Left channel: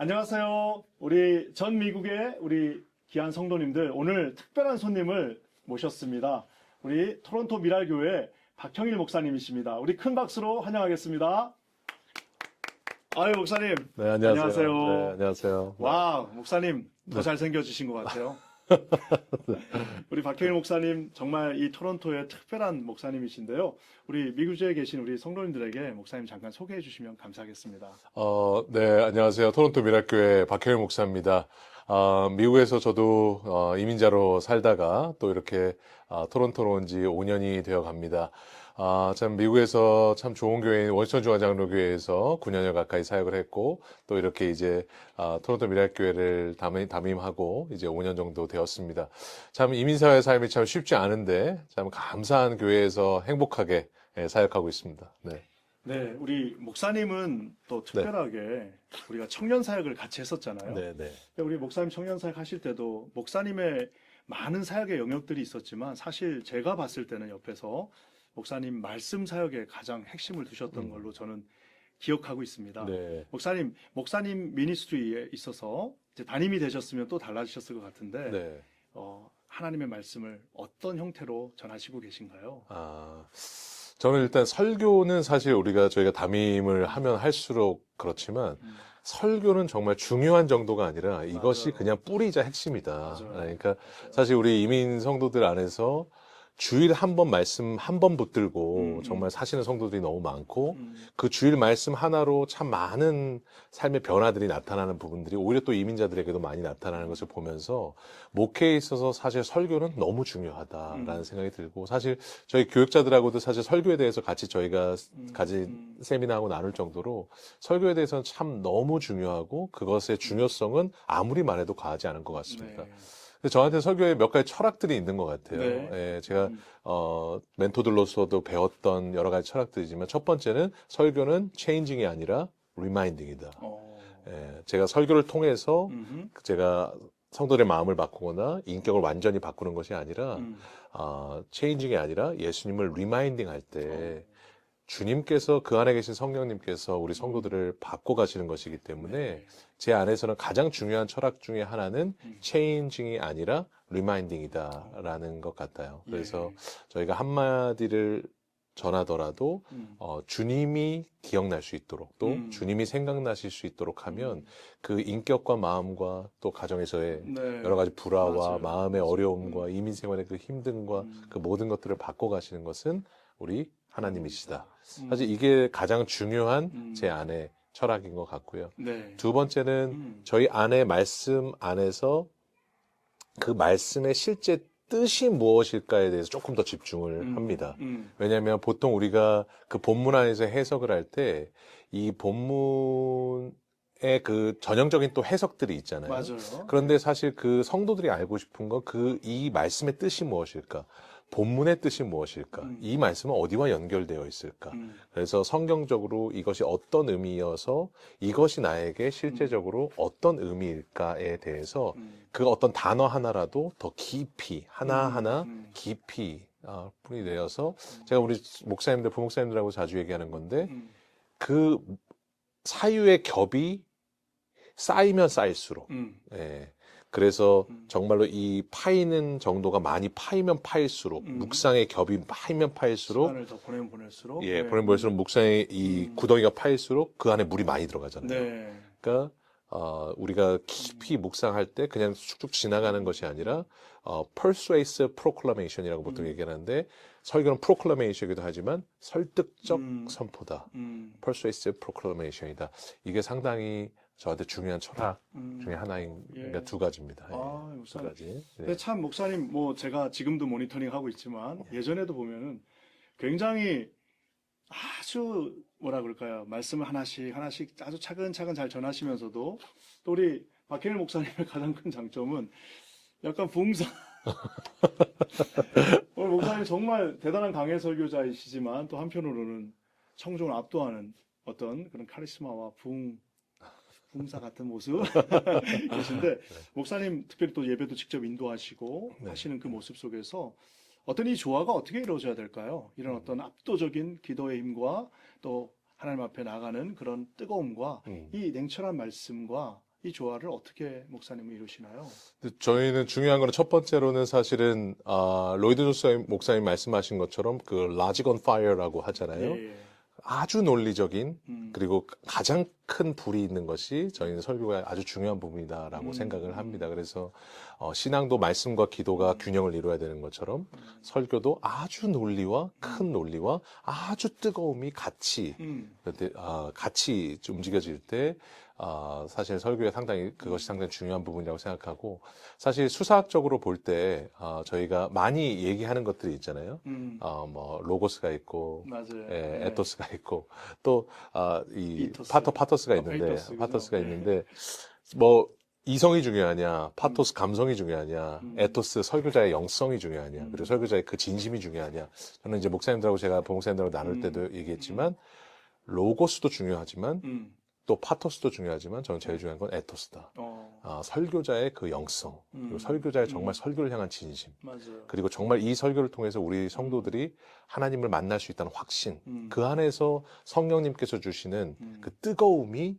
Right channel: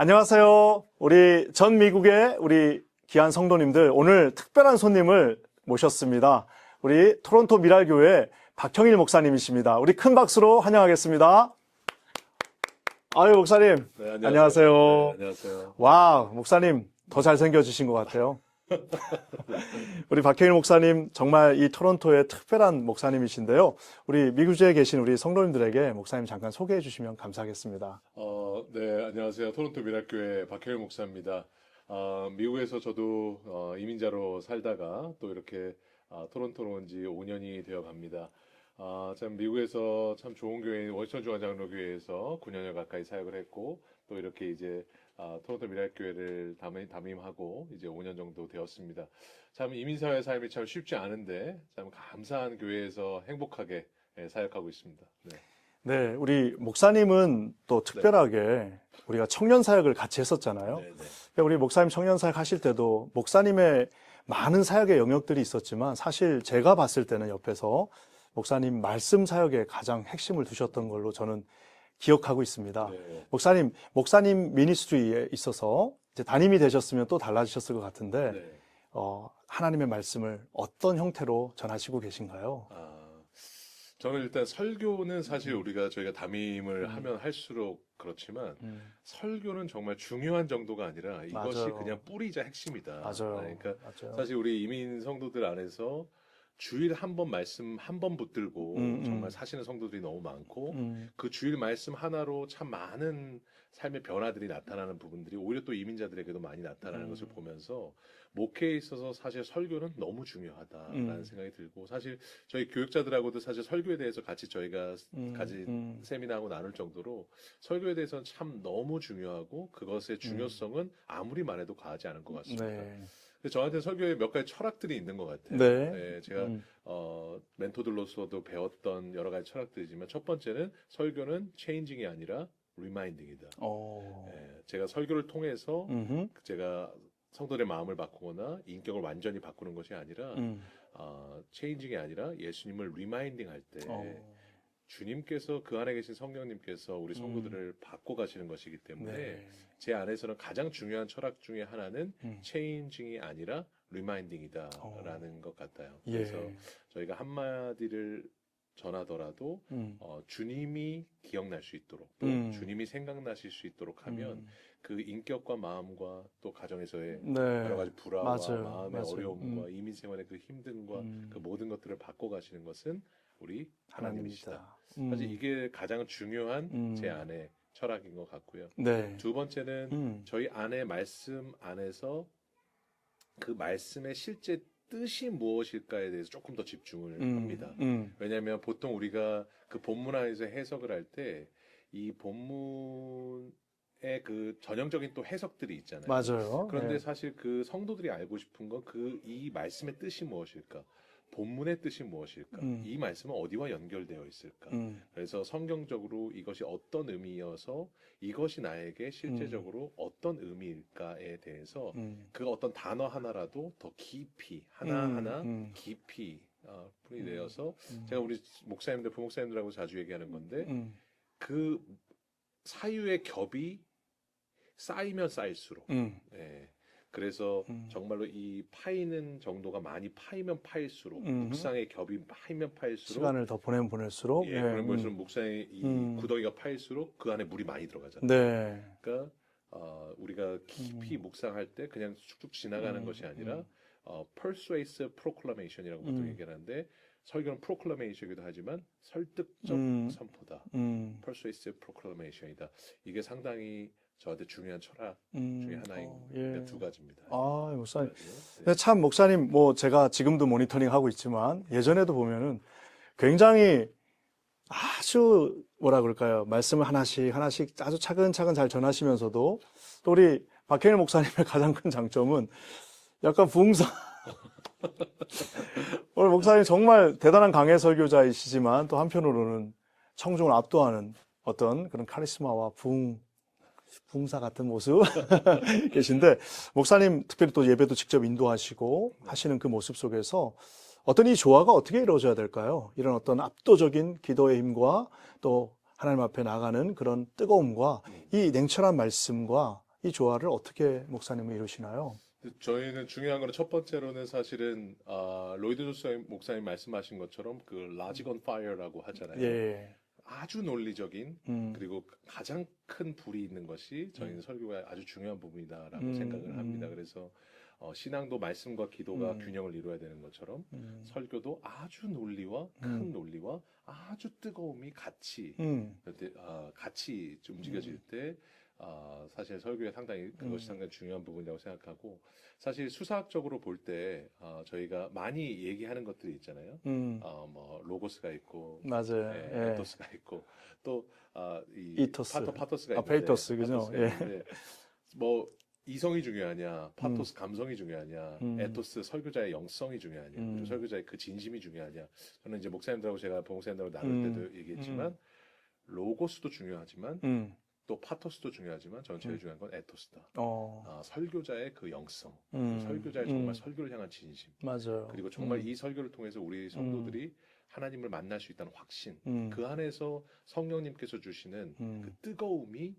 안녕하세요. 우리 전 미국의 우리 귀한 성도님들, 오늘 특별한 손님을 모셨습니다. 우리 토론토 미랄교회 박형일 목사님이십니다. 우리 큰 박수로 환영하겠습니다. 아유, 목사님. 네, 안녕하세요. 네, 안녕하세요. 와, 목사님 더 잘생겨지신 것 같아요. 우리 박형일 목사님 정말 이 토론토의 특별한 목사님이신데요. 우리 미국에 계신 우리 성도님들에게 목사님 잠깐 소개해 주시면 감사하겠습니다. 네, 안녕하세요. 토론토 미랄교회 박형일 목사입니다. 미국에서 저도 이민자로 살다가 또 이렇게 토론토로 온 지 5년이 되어 갑니다. 참 미국에서 참 좋은 교회인 워싱턴 중앙장로교회에서 9년여 가까이 사역을 했고 또 이렇게 이제 토론토 미랄교회를 담임하고 이제 5년 정도 되었습니다. 참 이민사회 삶이 참 쉽지 않은데 참 감사한 교회에서 행복하게 사역하고 있습니다. 네. 네, 우리 목사님은 또 특별하게 우리가 청년 사역을 같이 했었잖아요. 네, 네. 우리 목사님 청년 사역 하실 때도 목사님의 많은 사역의 영역들이 있었지만 사실 제가 봤을 때는 옆에서 목사님 말씀 사역에 가장 핵심을 두셨던 걸로 저는 기억하고 있습니다. 네. 목사님 미니스트리에 있어서 이제 담임이 되셨으면 또 달라지셨을 것 같은데 네. 하나님의 말씀을 어떤 형태로 전하시고 계신가요? 저는 일단 설교는 사실 저희가 담임을 하면 할수록 그렇지만 설교는 정말 중요한 정도가 아니라 이것이 맞아요. 그냥 뿌리자 핵심이다. 맞아요. 그러니까 맞아요. 사실 우리 이민 성도들 안에서 주일 한 번 말씀 한 번 붙들고 정말 사시는 성도들이 너무 많고 그 주일 말씀 하나로 참 많은 삶의 변화들이 나타나는 부분들이 오히려 또 이민자들에게도 많이 나타나는 것을 보면서 목회에 있어서 사실 설교는 너무 중요하다라는 생각이 들고 사실 저희 교육자들하고도 사실 설교에 대해서 같이 저희가 가진 세미나하고 나눌 정도로 설교에 대해서는 참 너무 중요하고 그것의 중요성은 아무리 말해도 과하지 않은 것 같습니다. 네. 근데 저한테 설교에 몇 가지 철학들이 있는 것 같아요. 네. 예, 제가 멘토들로서도 배웠던 여러 가지 철학들이지만 첫 번째는 설교는 체인징이 아니라 리마인딩이다. 예, 제가 설교를 통해서 제가 성도들의 마음을 바꾸거나 인격을 완전히 바꾸는 것이 아니라 체인징이 아니라 예수님을 리마인딩 할 때 주님께서 그 안에 계신 성령님께서 우리 성도들을 바꿔 가시는 것이기 때문에 제 안에서는 가장 중요한 철학 중에 하나는 체인징이 아니라 리마인딩이다라는 것 같아요. 그래서 저희가 한마디를 전하더라도 주님이 기억날 수 있도록 또 주님이 생각나실 수 있도록 하면 그 인격과 마음과 또 가정에서의 여러 가지 불화와 맞아요. 마음의 맞아요. 어려움과 이민 생활의 그 힘듦과 그 모든 것들을 바꿔 가시는 것은 우리 하나님이시다. 사실 이게 가장 중요한 제 안의 철학인 것 같고요. 네. 두 번째는 저희 안의 말씀 안에서 그 말씀의 실제 뜻이 무엇일까에 대해서 조금 더 집중을 합니다. 왜냐하면 보통 우리가 그 본문 안에서 해석을 할 때 이 본문의 그 전형적인 또 해석들이 있잖아요. 맞아요. 그런데 사실 그 성도들이 알고 싶은 건 이 말씀의 뜻이 무엇일까? 본문의 뜻이 무엇일까? 이 말씀은 어디와 연결되어 있을까? 그래서 성경적으로 이것이 어떤 의미여서 이것이 나에게 실제적으로 어떤 의미일까에 대해서 그 어떤 단어 하나라도 더 깊이 하나하나 깊이 뿌리 내어서 제가 우리 목사님들 부목사님들하고 자주 얘기하는 건데 그 사유의 겹이 쌓이면 쌓일수록 그래서 정말로 이 파이는 정도가 많이 파이면 파일수록 묵상의 겹이 파이면 파일수록 시간을 더 보내면 보낼수록 보내면 볼수록 묵상의 이 구덩이가 파일수록 그 안에 물이 많이 들어가잖아요. 네. 그러니까 우리가 깊이 묵상할 때 그냥 쑥쑥 지나가는 것이 아니라 persuasive proclamation이라고 보통 얘기하는데 설교는 proclamation이기도 하지만 설득적 선포다. persuasive proclamation이다. 이게 상당히 저한테 중요한 철학 중에 하나인 두 가지입니다. 목사님. 네. 근데 참 목사님 제가 지금도 모니터링 하고 있지만 예전에도 보면은 굉장히 아주 뭐라 그럴까요? 말씀을 하나씩 아주 차근차근 잘 전하시면서도 또 우리 박형일 목사님의 가장 큰 장점은 약간 부흥사. 오늘 목사님 정말 대단한 강해 설교자이시지만 또 한편으로는 청중을 압도하는 어떤 그런 카리스마와 부흥사 같은 모습 계신데 목사님 특별히 또 예배도 직접 인도하시고 하시는 그 모습 속에서 어떤 이 조화가 어떻게 이루어져야 될까요? 이런 어떤 압도적인 기도의 힘과 또 하나님 앞에 나가는 그런 뜨거움과 이 냉철한 말씀과 이 조화를 어떻게 목사님은 이루시나요? 저희는 중요한 거는 첫 번째로는 사실은 로이드 조스 목사님 말씀하신 것처럼 그 logic on fire라고 하잖아요. 예. 아주 논리적인 음. 그리고 가장 큰 불이 있는 것이 저희는 설교가 아주 중요한 부분이다라고 생각을 합니다. 그래서 신앙도 말씀과 기도가 균형을 이루어야 되는 것처럼 설교도 아주 논리와 큰 논리와 아주 뜨거움이 같이 같이 움직여질 때 사실 설교에 상당히 그것이 상당히 중요한 부분이라고 생각하고 사실 수사학적으로 볼 때 저희가 많이 얘기하는 것들이 있잖아요. 뭐 로고스가 있고 맞아요. 예, 예. 에토스가 있고 또 이 이토스. 파토스가 있는데 페이토스, 그죠? 파토스가 예. 있는데 뭐 이성이 중요하냐, 파토스 감성이 중요하냐, 에토스 설교자의 영성이 중요하냐, 그리고 설교자의 그 진심이 중요하냐. 저는 이제 목사님들하고 제가 부목사님들하고 나눌 때도 얘기했지만 로고스도 중요하지만 또 파토스도 중요하지만 저는 제일 중요한 건 에토스다. 설교자의 그 영성, 그리고 설교자의 정말 설교를 향한 진심. 맞아요. 그리고 정말 이 설교를 통해서 우리 성도들이 하나님을 만날 수 있다는 확신. 그 안에서 성령님께서 주시는 그 뜨거움이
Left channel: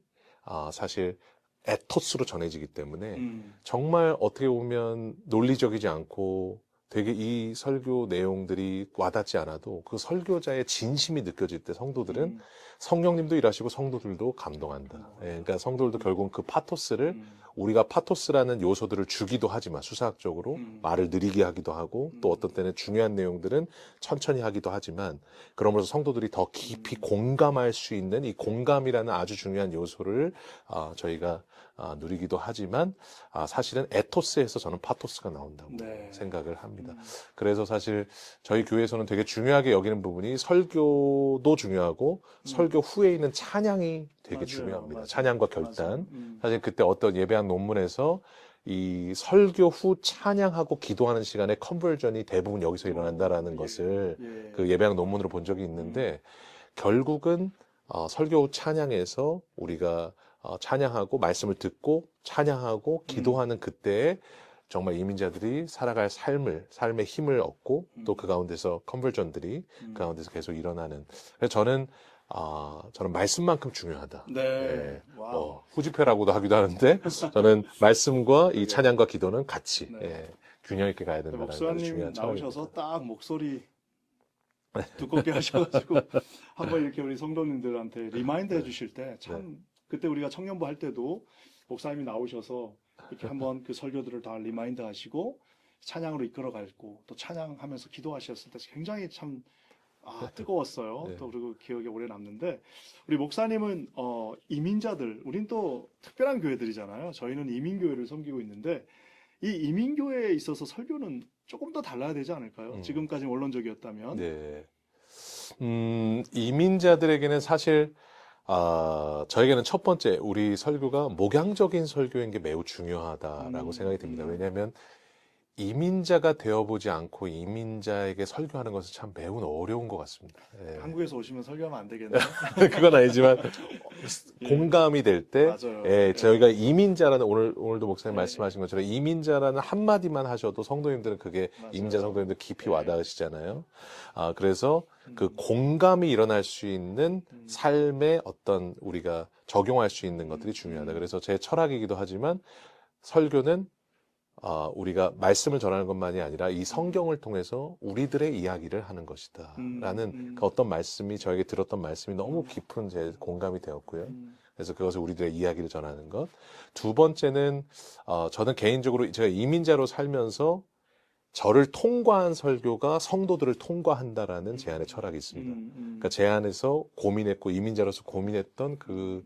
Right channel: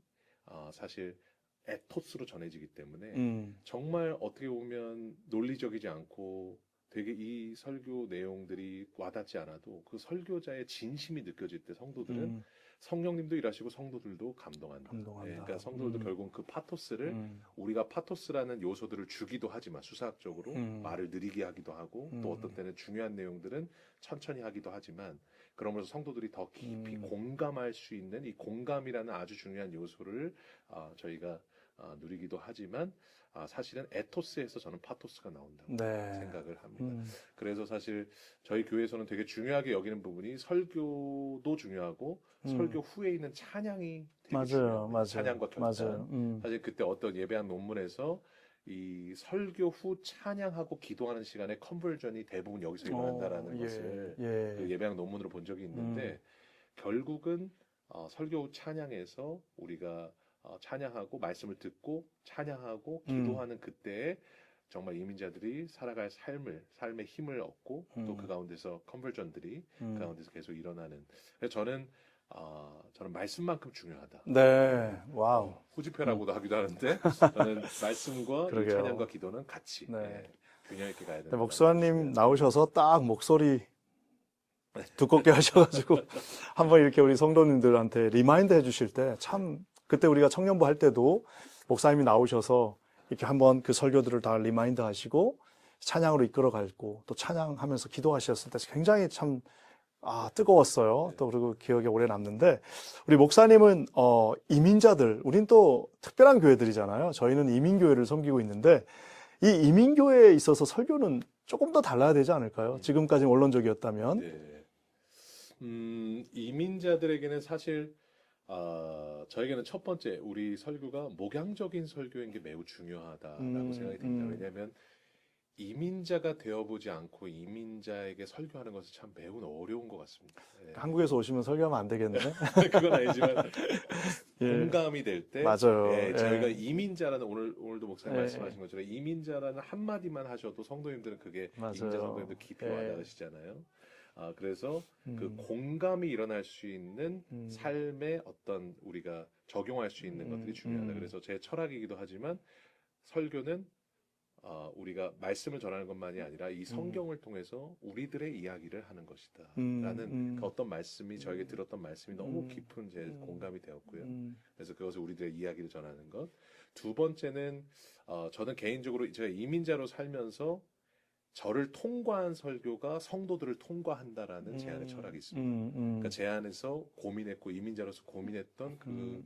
사실 에토스로 전해지기 때문에 정말 어떻게 보면 논리적이지 않고 되게 이 설교 내용들이 와닿지 않아도 그 설교자의 진심이 느껴질 때 성도들은 성령님도 일하시고 성도들도 감동한다. 예, 그러니까 성도들도 결국은 그 파토스를 우리가 파토스라는 요소들을 주기도 하지만 수사학적으로 말을 느리게 하기도 하고 또 어떤 때는 중요한 내용들은 천천히 하기도 하지만 그러면서 성도들이 더 깊이 공감할 수 있는 이 공감이라는 아주 중요한 요소를 저희가 누리기도 하지만 사실은 에토스에서 저는 파토스가 나온다고 네. 생각을 합니다. 그래서 사실 저희 교회에서는 되게 중요하게 여기는 부분이 설교도 중요하고 설교 후에 있는 찬양이 되게 맞아요. 중요합니다. 맞아요. 찬양과 결단. 맞아요. 사실 그때 어떤 예배학 논문에서 이 설교 후 찬양하고 기도하는 시간에 컨버전이 대부분 여기서 일어난다라는 것을 예. 그 예배학 논문으로 본 적이 있는데 결국은 설교 후 찬양에서 우리가 찬양하고 말씀을 듣고 찬양하고 기도하는 그때에 정말 이민자들이 살아갈 삶의 힘을 얻고 또 그 가운데서 컨버전들이 그 가운데서 계속 일어나는. 그래서 저는 말씀만큼 중요하다. 네. 예, 와우. 후지표라고도 하기도 하는데 저는 말씀과 이 그러게요. 찬양과 기도는 같이 네. 균형 있게 가야 된다. 목사님 나오셔서 딱 목소리 두껍게 하셔가지고 한번 이렇게 우리 성도님들한테 리마인드 해주실 때 참 그때 우리가 청년부 할 때도 목사님이 나오셔서 이렇게 한번 그 설교들을 다 리마인드 하시고 찬양으로 이끌어가고 또 찬양하면서 기도하셨을 때 굉장히 참 뜨거웠어요. 네. 또 그리고 기억에 오래 남는데 우리 목사님은 이민자들, 우린 또 특별한 교회들이잖아요. 저희는 이민교회를 섬기고 있는데 이 이민교회에 있어서 설교는 조금 더 달라야 되지 않을까요? 지금까지 원론적이었다면. 네. 이민자들에게는 사실 저에게는 첫 번째 우리 설교가 목양적인 설교인 게 매우 중요하다라고 생각이 듭니다. 왜냐하면 이민자가 되어보지 않고 이민자에게 설교하는 것은 참 매우 어려운 것 같습니다. 예. 한국에서 오시면 설교하면 안 되겠네요. 그건 아니지만 예. 공감이 될 때 맞아요. 예, 예. 저희가 이민자라는 오늘도 목사님 예. 말씀하신 것처럼 이민자라는 한마디만 하셔도 성도님들은 그게 맞아요. 이민자 성도님들 깊이 예. 와닿으시잖아요. 그래서 그 공감이 일어날 수 있는 삶의 어떤 우리가 적용할 수 있는 것들이 중요하다. 그래서 제 철학이기도 하지만 설교는 우리가 말씀을 전하는 것만이 아니라 이 성경을 통해서 우리들의 이야기를 하는 것이다. 라는 그 어떤 말씀이 저에게 들었던 말씀이 너무 깊은 제 공감이 되었고요. 그래서 그것을 우리들의 이야기를 전하는 것. 두 번째는 저는 개인적으로 제가 이민자로 살면서 저를 통과한 설교가 성도들을 통과한다라는 제 안에 철학이 있습니다. 그러니까 제 안에서 고민했고 이민자로서 고민했던 그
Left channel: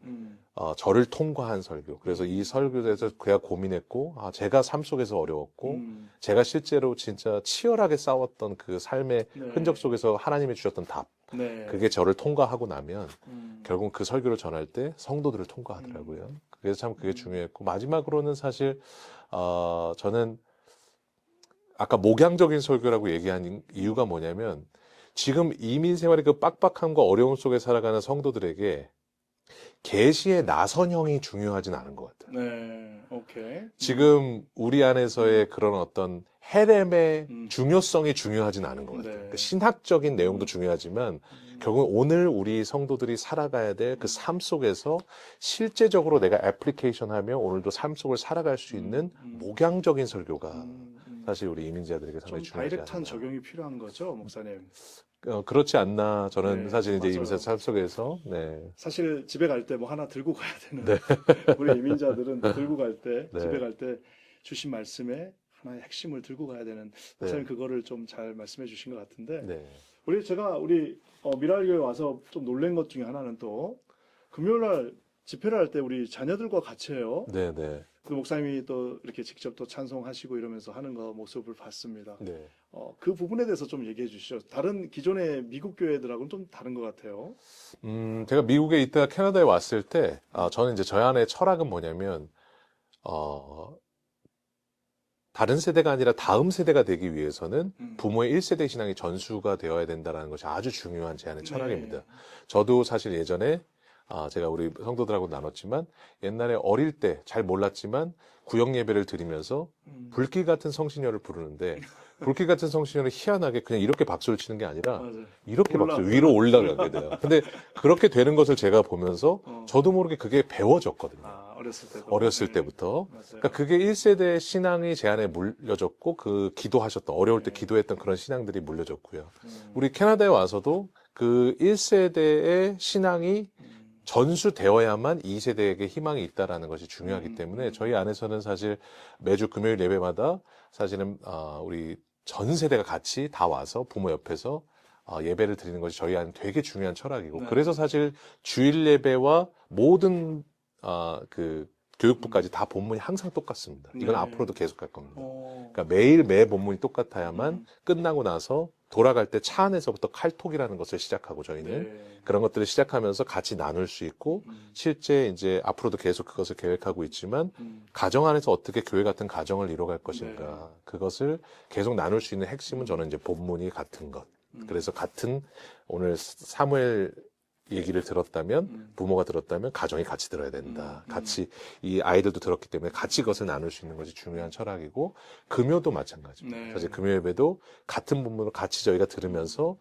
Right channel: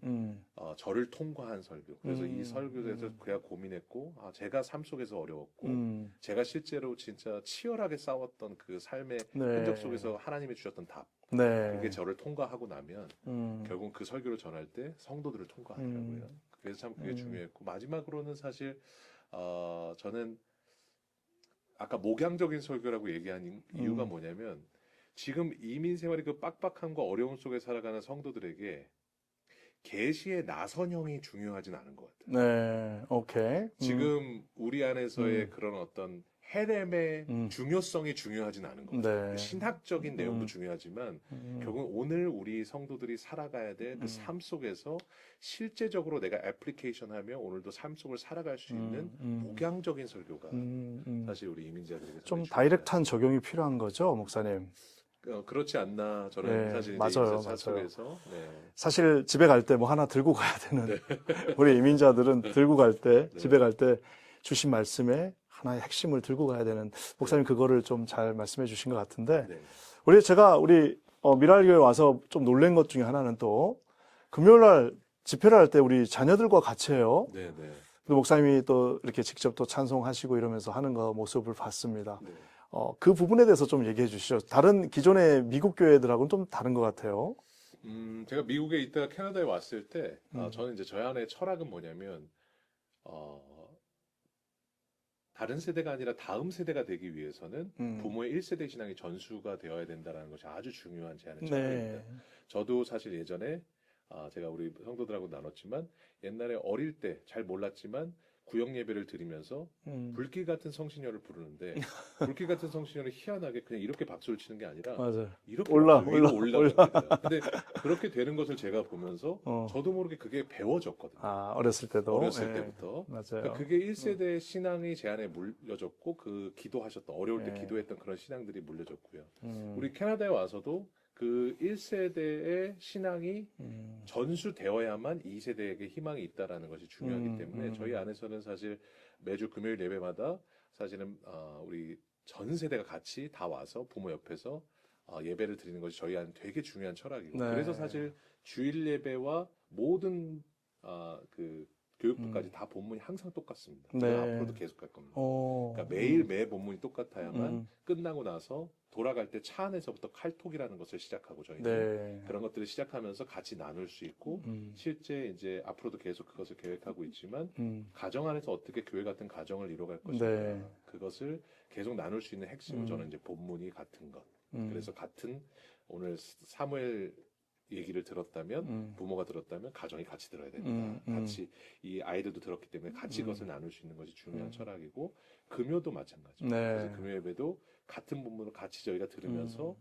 저를 통과한 설교. 그래서 이 설교에서 그가 고민했고 제가 삶 속에서 어려웠고 제가 실제로 진짜 치열하게 싸웠던 그 삶의 흔적 속에서 하나님이 주셨던 답. 그게 저를 통과하고 나면 결국 그 설교를 전할 때 성도들을 통과하더라고요. 그래서 참 그게 중요했고 마지막으로는 사실 저는 아까 목양적인 설교라고 얘기한 이유가 뭐냐면 지금 이민 생활의 그 빡빡함과 어려움 속에 살아가는 성도들에게 계시의 나선형이 중요하진 않은 것 같아요. 네, 오케이. 지금 우리 안에서의 그런 어떤 헬렘의 중요성이 중요하진 않은 것 같아요. 네. 그 신학적인 내용도 중요하지만 결국 오늘 우리 성도들이 살아가야 될 그 삶 속에서 실제적으로 내가 애플리케이션하며 오늘도 삶 속을 살아갈 수 있는 목양적인 설교가 사실 우리 이민자들에게 좀 상당히 중요하지 다이렉트한 않나. 적용이 필요한 거죠, 목사님. 그렇지 않나 저는 네, 사실 이제 맞아요, 이민자 삶 맞아요. 속에서 네. 사실 집에 갈 때 뭐 하나 들고 가야 되는 우리 이민자들은 들고 갈 때, 네. 집에 갈 때 주신 말씀에 하나의 핵심을 들고 가야 되는 목사님 그거를 좀 잘 말씀해 주신 것 같은데 네. 우리 미랄교회 와서 좀 놀란 것 중에 하나는 또 금요일 날 집회를 할 때 우리 자녀들과 같이 해요. 네, 네. 또 목사님이 또 이렇게 직접 또 찬송하시고 이러면서 하는 거 모습을 봤습니다. 네. 그 부분에 대해서 좀 얘기해 주시죠. 다른 기존의 미국 교회들하고는 좀 다른 것 같아요. 제가 미국에 있다가 캐나다에 왔을 때, 저는 이제 저희 안에 철학은 뭐냐면, 다른 세대가 아니라 다음 세대가 되기 위해서는 부모의 1세대 신앙이 전수가 되어야 된다는 것이 아주 중요한 제 안의 철학입니다. 네. 저도 사실 예전에, 제가 우리 성도들하고 나눴지만, 옛날에 어릴 때 잘 몰랐지만, 구역 예배를 드리면서 불길 같은 성신여를 부르는데 불길 같은 성신여를 희한하게 그냥 이렇게 박수를 치는 게 아니라 맞아요. 이렇게 위로 올라가게 돼요. 근데 그렇게 되는 것을 제가 보면서 저도 모르게 그게 배워졌거든요. 어렸을 때도. 어렸을 네. 때부터. 맞아요. 그러니까 그게 1세대 신앙이 제 안에 물려졌고 그 기도하셨던 어려울 때 기도했던 그런 신앙들이 물려졌고요. 우리 캐나다에 와서도 그 1세대의 신앙이 전수되어야만 2세대에게 희망이 있다라는 것이 중요하기 때문에 저희 안에서는 사실 매주 금요일 예배마다 사실은 우리 전 세대가 같이 다 와서 부모 옆에서 예배를 드리는 것이 저희 안에 되게 중요한 철학이고 네. 그래서 사실 주일 예배와 모든 그 교육부까지 다 본문이 항상 똑같습니다. 이건 네. 앞으로도 계속할 겁니다. 어. 그러니까 매일 매 본문이 똑같아야만 끝나고 나서 돌아갈 때 차 안에서부터 칼톡이라는 것을 시작하고 저희는 네. 그런 것들을 시작하면서 같이 나눌 수 있고 실제 이제 앞으로도 계속 그것을 계획하고 있지만 가정 안에서 어떻게 교회 같은 가정을 이뤄갈 것인가 네. 그것을 계속 나눌 수 있는 핵심은 저는 이제 본문이 같은 것. 그래서 같은 오늘 사무엘 얘기를 들었다면 부모가 들었다면 가정이 같이 들어야 된다. 같이 이 아이들도 들었기 때문에 같이 그것을 나눌 수 있는 것이 중요한 철학이고 금요도 마찬가지입니다. 네. 사실 금요 예배도 같은 본문을 같이 저희가 들으면서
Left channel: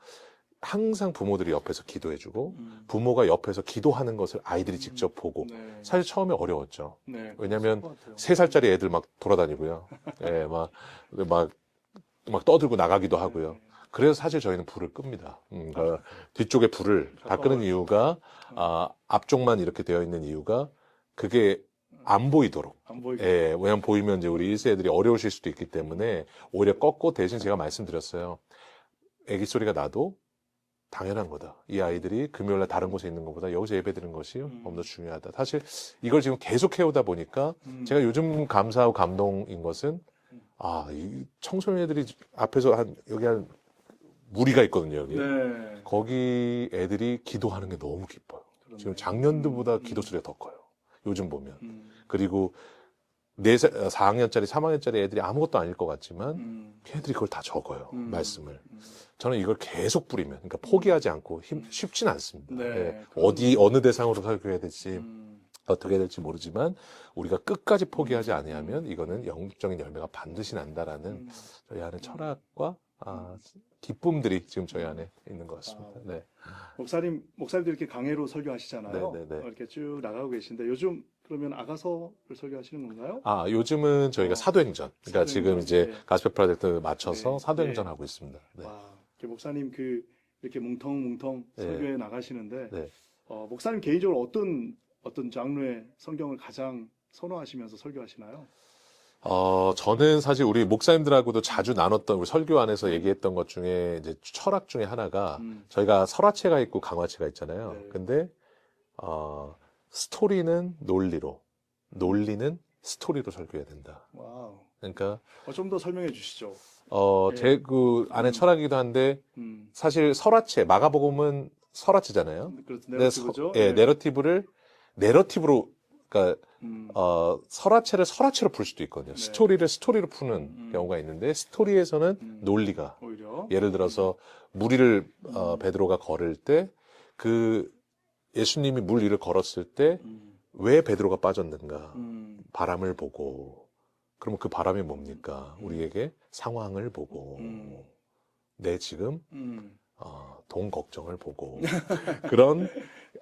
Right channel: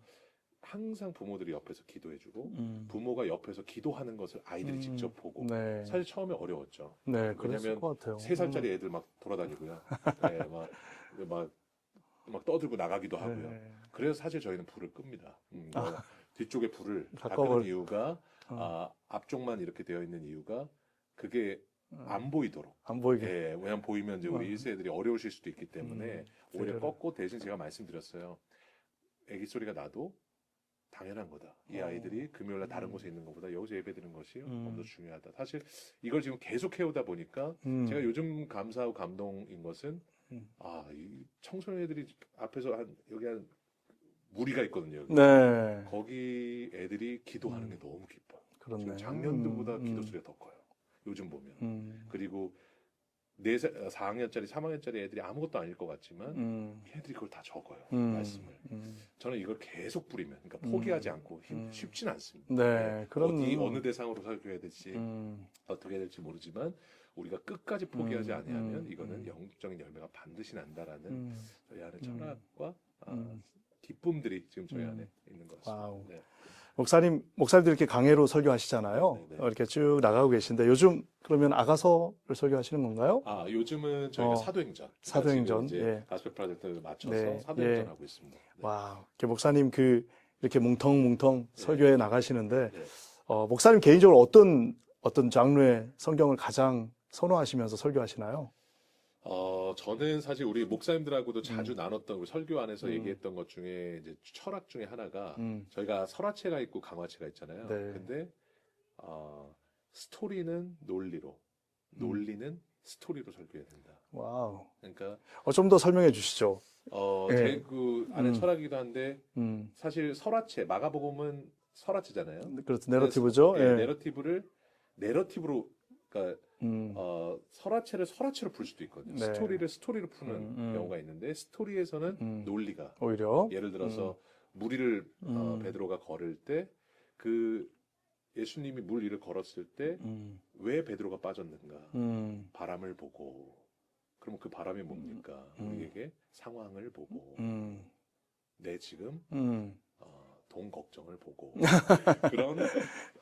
항상 부모들이 옆에서 기도해주고 부모가 옆에서 기도하는 것을 아이들이 직접 보고 네. 사실 처음에 어려웠죠. 네. 왜냐하면 그랬을 것 같아요. 3살짜리 애들 막 돌아다니고요. 예, 막 떠들고 나가기도 하고요. 네. 그래서 사실 저희는 불을 끕니다. 그러니까 뒤쪽에 불을 다 끄는 이유가 앞쪽만 이렇게 되어 있는 이유가 그게 안 보이도록. 안 보이게. 예, 왜냐면 보이면 이제 우리 1세들이 어려우실 수도 있기 때문에 오히려 꺾고 대신 제가 말씀드렸어요. 애기 소리가 나도 당연한 거다. 이 아이들이 금요일날 다른 곳에 있는 것보다 여기서 예배 드리는 것이 너무 더 중요하다. 사실 이걸 지금 계속 해오다 보니까 제가 요즘 감사하고 감동인 것은 이 청소년애들이 앞에서 여기 한 무리가 있거든요. 여기. 네. 거기 애들이 기도하는 게 너무 기뻐요. 그렇네. 지금 작년도보다 기도 소리가 더 커요. 요즘 보면. 그리고 4학년짜리, 3학년짜리 애들이 아무것도 아닐 것 같지만 걔들이 그걸 다 적어요. 말씀을. 저는 이걸 계속 뿌리면, 그러니까 포기하지 않고 쉽진 않습니다. 네. 어느 대상으로 설교해야 될지 어떻게 해야 될지 모르지만 우리가 끝까지 포기하지 아니하면 이거는 영적인 열매가 반드시 난다라는 저희 안에 철학과 기쁨들이 지금 저희 안에 있는 것 같습니다. 네. 목사님들 이렇게 강해로 설교하시잖아요. 네, 네, 네. 이렇게 쭉 나가고 계신데 요즘 그러면 아가서를 설교하시는 건가요? 요즘은 저희가 사도행전. 그러니까 사도행전. 지금 이제 네. 가스펠 프로젝트 맞춰서 네. 사도행전 네. 하고 있습니다. 네. 와, 이렇게 목사님 이렇게 뭉텅뭉텅 네. 설교해 나가시는데 네. 목사님 개인적으로 어떤 장르의 성경을 가장 선호하시면서 설교하시나요? 저는 사실 우리 목사님들하고도 자주 나눴던 우리 설교 안에서 얘기했던 것 중에 이제 철학 중에 하나가 저희가 설화체가 있고 강화체가 있잖아요. 네. 근데 스토리는 논리로, 논리는 스토리로 설교해야 된다. 와우. 그러니까 좀 더 설명해 주시죠. 네. 제 그 안에 철학이기도 한데 사실 설화체 마가복음은 설화체잖아요. 그렇죠. 내러티브죠. 예, 네. 내러티브로 그러니까 설화체를 설화체로 풀 수도 있거든요. 네. 스토리를 스토리로 푸는 경우가 있는데 스토리에서는 논리가 오히려 예를 들어서 물 위를 베드로가 걸을 때 그 예수님이 물 위를 걸었을 때 왜 베드로가 빠졌는가 바람을 보고 그러면 그 바람이 뭡니까? 우리에게 상황을 보고 내 지금 돈 걱정을 보고 그런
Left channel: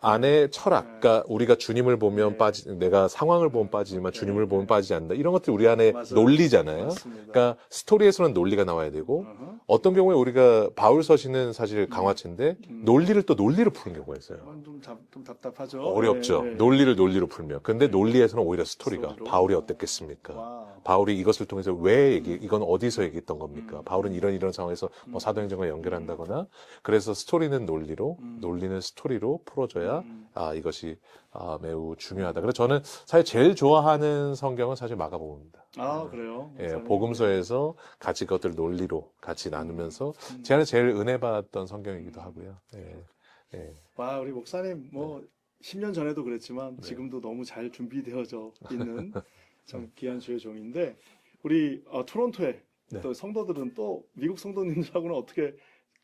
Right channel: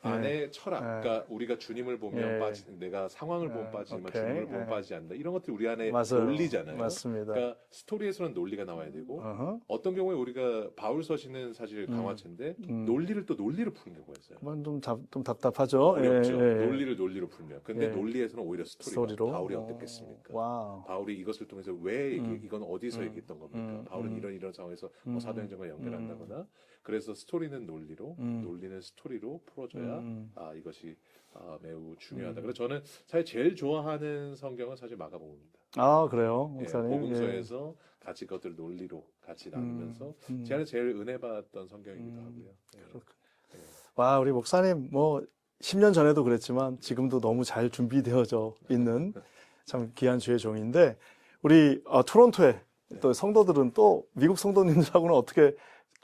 안에 철학, 그러니까 우리가 주님을 보면 내가 상황을 보면 빠지지만 주님을 보면 빠지지 않는다. 이런 것들이 우리 안에 맞아요. 논리잖아요. 맞습니다. 그러니까 스토리에서는 논리가 나와야 되고 어떤 경우에 우리가 바울 서신은 사실 강화체인데 논리를 또 논리로 푸는 경우가 있어요. 좀 답답하죠. 어렵죠. 논리를 논리로 풀면. 근데 논리에서는 오히려 스토리가 스토리로? 바울이 어땠겠습니까? 와우. 바울이 이것을 통해서 왜 이건 어디서 얘기했던 겁니까? 바울은 이런 상황에서 뭐 사도행전과 연결한다거나 그래서 스토리는 논리로, 논리는 스토리로 풀어줘야 이것이 매우 중요하다. 그래서 저는 사실 제일 좋아하는 성경은 사실 마가복음입니다. 아, 그래요? 예, 목사님? 복음서에서 같이 그것들 논리로 같이 나누면서 제 안에 제일 은혜 받았던 성경이기도 하고요. 예, 예. 와, 우리 목사님 뭐 10년 전에도 그랬지만 지금도 너무 잘 준비되어져 있는 참 귀한 주의 종인데 우리 토론토에 또 성도들은 또 미국 성도님들하고는 어떻게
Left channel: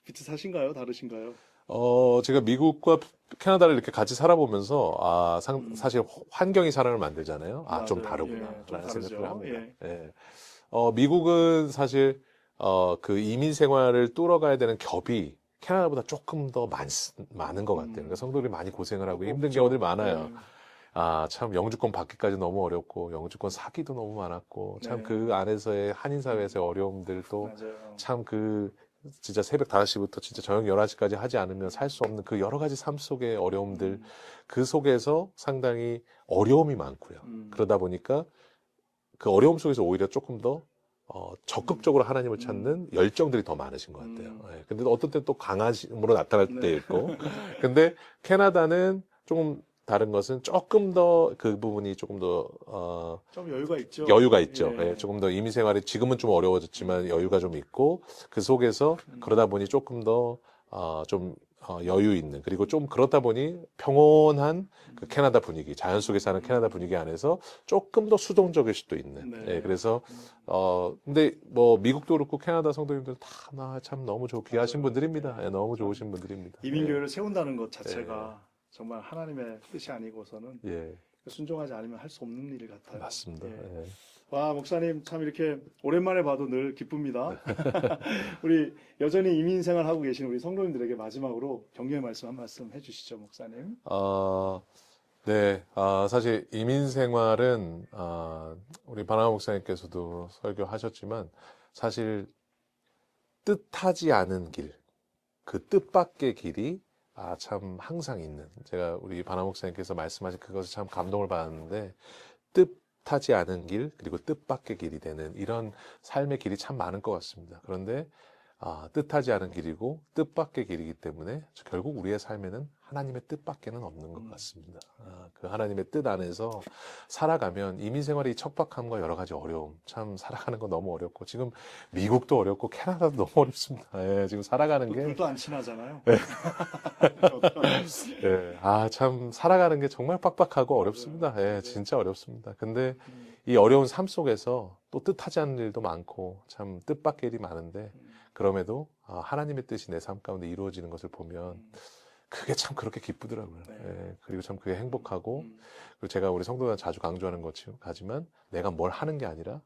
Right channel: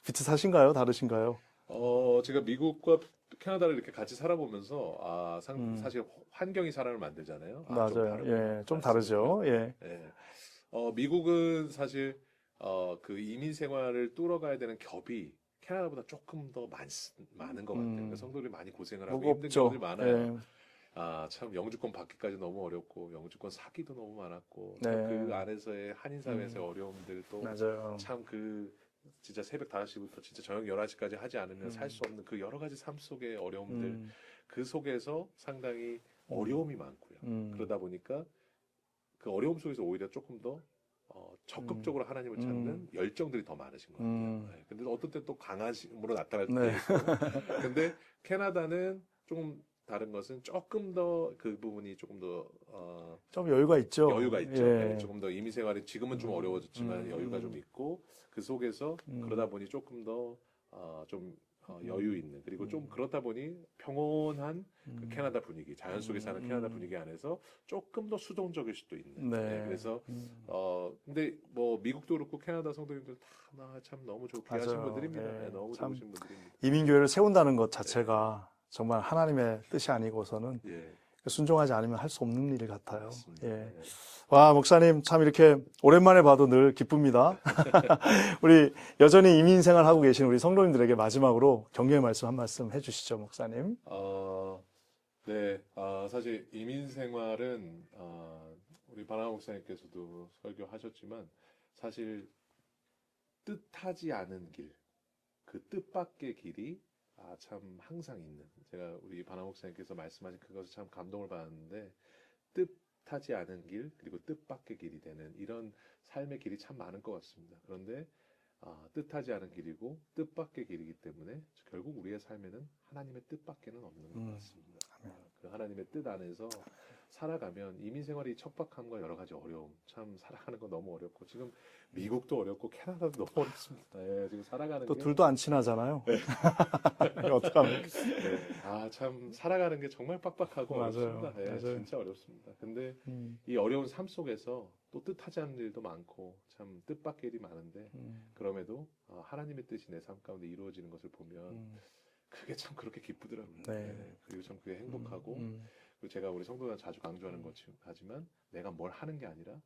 비슷하신가요? 다르신가요? 제가 미국과 캐나다를 이렇게 같이 살아보면서 사실 환경이 사람을 만들잖아요. 좀 맞아요. 다르구나. 예, 좀 다르죠. 예. 예. 미국은 사실 그 이민 생활을 뚫어가야 되는 겹이 캐나다보다 조금 더 많은 것 같아요. 그러니까 성도들이 많이 고생을 하고 힘든 없죠. 경우들이 많아요. 예. 참 영주권 받기까지 너무 어렵고 영주권 사기도 너무 많았고 참 네. 그 안에서의 한인 사회에서의 어려움들도 맞아요. 참 진짜 새벽 5시부터 진짜 저녁 11시까지 하지 않으면 살 수 없는 그 여러 가지 삶 속의 어려움들 그 속에서 상당히 어려움이 많고요. 그러다 보니까 그 어려움 속에서 오히려 조금 더 적극적으로 하나님을 찾는 열정들이 더 많으신 것 같아요. 예. 근데 어떤 때는 또 강하심으로 나타날 때 있고. 근데 캐나다는 조금 다른 것은 조금 더 그 부분이 조금 더 좀 여유가 있죠. 여유가 있죠. 예. 예, 조금 더 이민 생활이 지금은 좀 어려워졌지만 여유가 좀 있고 그 속에서 그러다 보니 조금 더 좀 여유 있는 그리고 좀 그렇다 보니 평온한 그 캐나다 분위기, 자연 속에 사는 캐나다 분위기 안에서 조금 더 수동적일 수도 있는. 네. 예, 그래서 근데 뭐 미국도 그렇고 캐나다 성도님들 다 참 너무 귀하신 맞아요. 분들입니다. 네. 예, 너무 참 좋으신 분들입니다. 이민교회를 세운다는 것 자체가 정말 하나님의 뜻이 아니고서는 예, 순종하지 않으면 할 수 없는 일 같아요. 맞습니다. 예. 예. 와, 목사님 참 이렇게 오랜만에 봐도 늘 기쁩니다. 우리 여전히 이민 생활하고 계신 우리 성도님들에게 마지막으로 격려의 말씀 한 말씀 해주시죠, 목사님. 네, 사실 이민 생활은 우리 바나나 목사님께서도 설교하셨지만 사실 뜻하지 않은 길, 그 뜻밖의 길이 참 항상 있는. 제가 우리 바나나 목사님께서 말씀하신 그것을 참 감동을 받았는데 뜻하지 않은 길 그리고 뜻밖의 길이 되는 이런 삶의 길이 참 많은 것 같습니다. 그런데 뜻하지 않은 길이고 뜻밖의 길이기 때문에 결국 우리의 삶에는 하나님의 뜻밖에는 없는 것 같습니다. 그 하나님의 뜻 안에서 살아가면 이민 생활의 척박함과 여러 가지 어려움, 참 살아가는 거 너무 어렵고 지금 미국도 어렵고 캐나다도 너무 어렵습니다. 예, 지금 살아가는 또 게 둘도 안 친하잖아요. 네. 어떡하면. 예, 참 살아가는 게 정말 빡빡하고 맞아요. 어렵습니다. 예, 맞아요. 진짜 어렵습니다. 근데 이 어려운 삶 속에서 또 뜻하지 않은 일도 많고 참 뜻밖의 일이 많은데 그럼에도 하나님의 뜻이 내 삶 가운데 이루어지는 것을 보면 그게 참 그렇게 기쁘더라고요. 네. 예, 그리고 참 그게 행복하고 그리고 제가 우리 성도들 자주 강조하는 거지만 내가 뭘 하는 게 아니라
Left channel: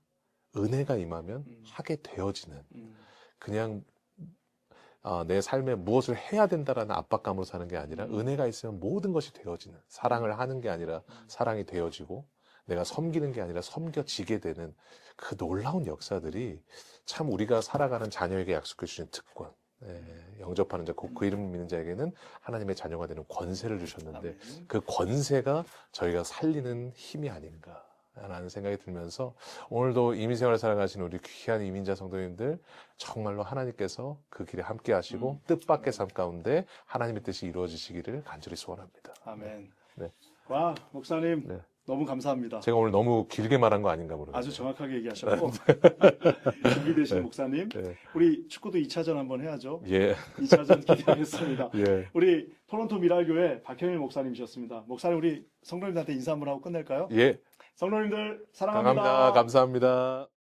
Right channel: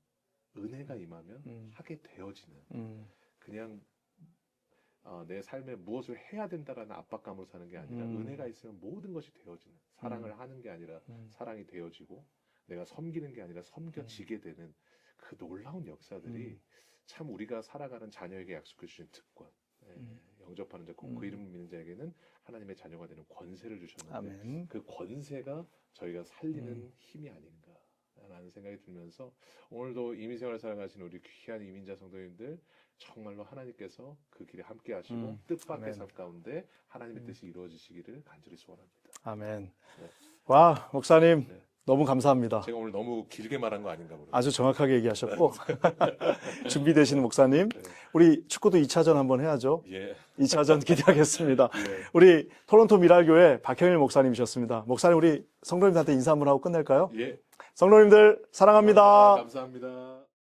은혜가 임하면 하게 되어지는 그냥 내 삶에 무엇을 해야 된다라는 압박감으로 사는 게 아니라 은혜가 있으면 모든 것이 되어지는 사랑을 하는 게 아니라 사랑이 되어지고 내가 섬기는 게 아니라 섬겨지게 되는 그 놀라운 역사들이 참 우리가 살아가는 자녀에게 약속해 주신 특권 영접하는 자, 그 이름을 믿는 자에게는 하나님의 자녀가 되는 권세를 주셨는데 아멘. 그 권세가 저희가 살리는 힘이 아닌가 라는 생각이 들면서 오늘도 이민생활을 살아가신 우리 귀한 이민자 성도님들 정말로 하나님께서 그 길에 함께 하시고 뜻밖의 삶 가운데 하나님의 뜻이 이루어지시기를 간절히 소원합니다. 아멘. 네. 와, 목사님 네. 너무 감사합니다. 제가 오늘 너무 길게 말한 거 아닌가 모르겠어요. 아주 정확하게 얘기하셨고 준비되시는 목사님 네. 우리 축구도 2차전 한번 해야죠. 예. 2차전 기대하겠습니다. 예. 우리 토론토 미랄교회 박형일 목사님이셨습니다. 목사님 우리 성도님들한테 인사 한번 하고 끝낼까요? 예. 성도님들 사랑합니다. 감사합니다.